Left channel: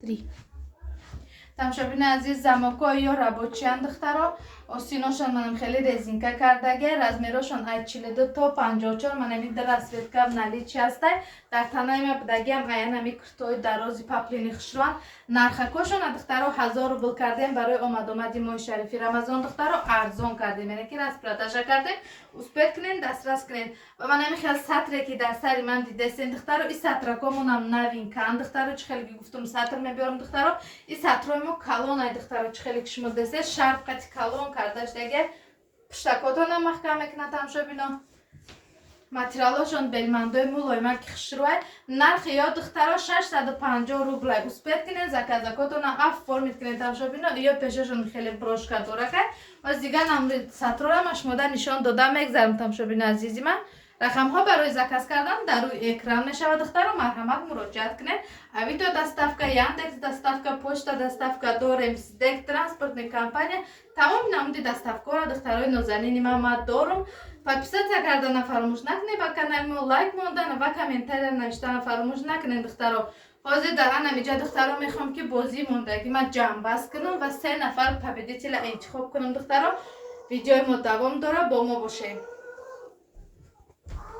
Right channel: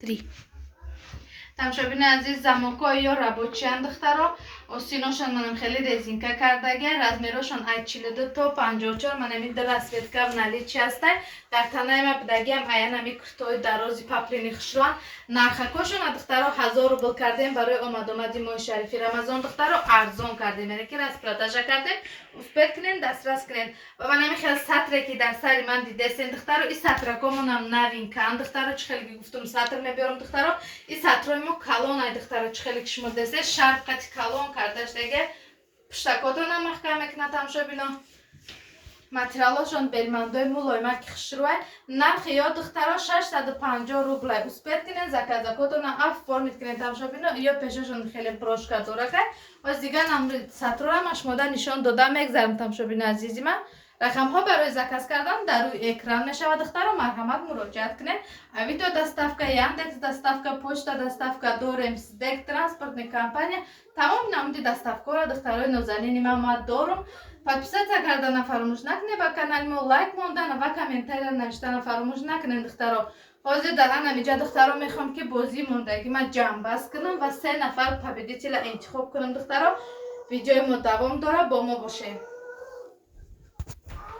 3. тамошобини азиз замокои ё рабочиян духтаро осиношон манам хеле резинка кардагия размерошон ай 42 то 54 манами расветка в наличии ҳастай дар танаи ма будагиам аянами куртои дарози паплини хушруан нархакошон духтаро 1000 рубл кардем барои омадомади моҳи шарифи рамазон духтаро арзон кардем яъне ки распродажа кардем успех кунен дастрас кунен ва манами хел сатре ки дар сари ман дидесен духтаро и сатракомонам навинкан духтаро чӣ хеле ки гуфтум сатр мебиёрам духтаро и сатрои мо калон ай духтаро чӣ хеле ки шумо десе шарфқати калон кардашдаге пуштакотонам маҳкам мекунад тамошобино материалошон белмандои мулоимак хушрӯай нархи ё духтаро 650 рублай успех кунен заказакотонам оформит кунен тамошобино ё пешошон хеле брошка доракай ва дигар намуди сатрорам шумода нишон дода мегзарам тамошобини азизи ман рақамҳо барои заказ кардан дар рӯи экран мешавад духтаро марҳамат муроҷиат кунед авито доставка яндекс доставка почта доставка дорем сдек транспортни компания тамоми намуди доставкаро духтарои нозанини ман дорум подписаться кардана фаромӯш накунед ба канали мо лайк мондана ва комментария навиштана фаромӯш накунед духтаро ҳозир дар ҳаминҷа духтаро мехоҳам ки бозӣ монда ки ман ҷамъбаст кунам ва 3 нафар победителя интихоб кунам духтаро видеои мо давом дорад бо мо бошед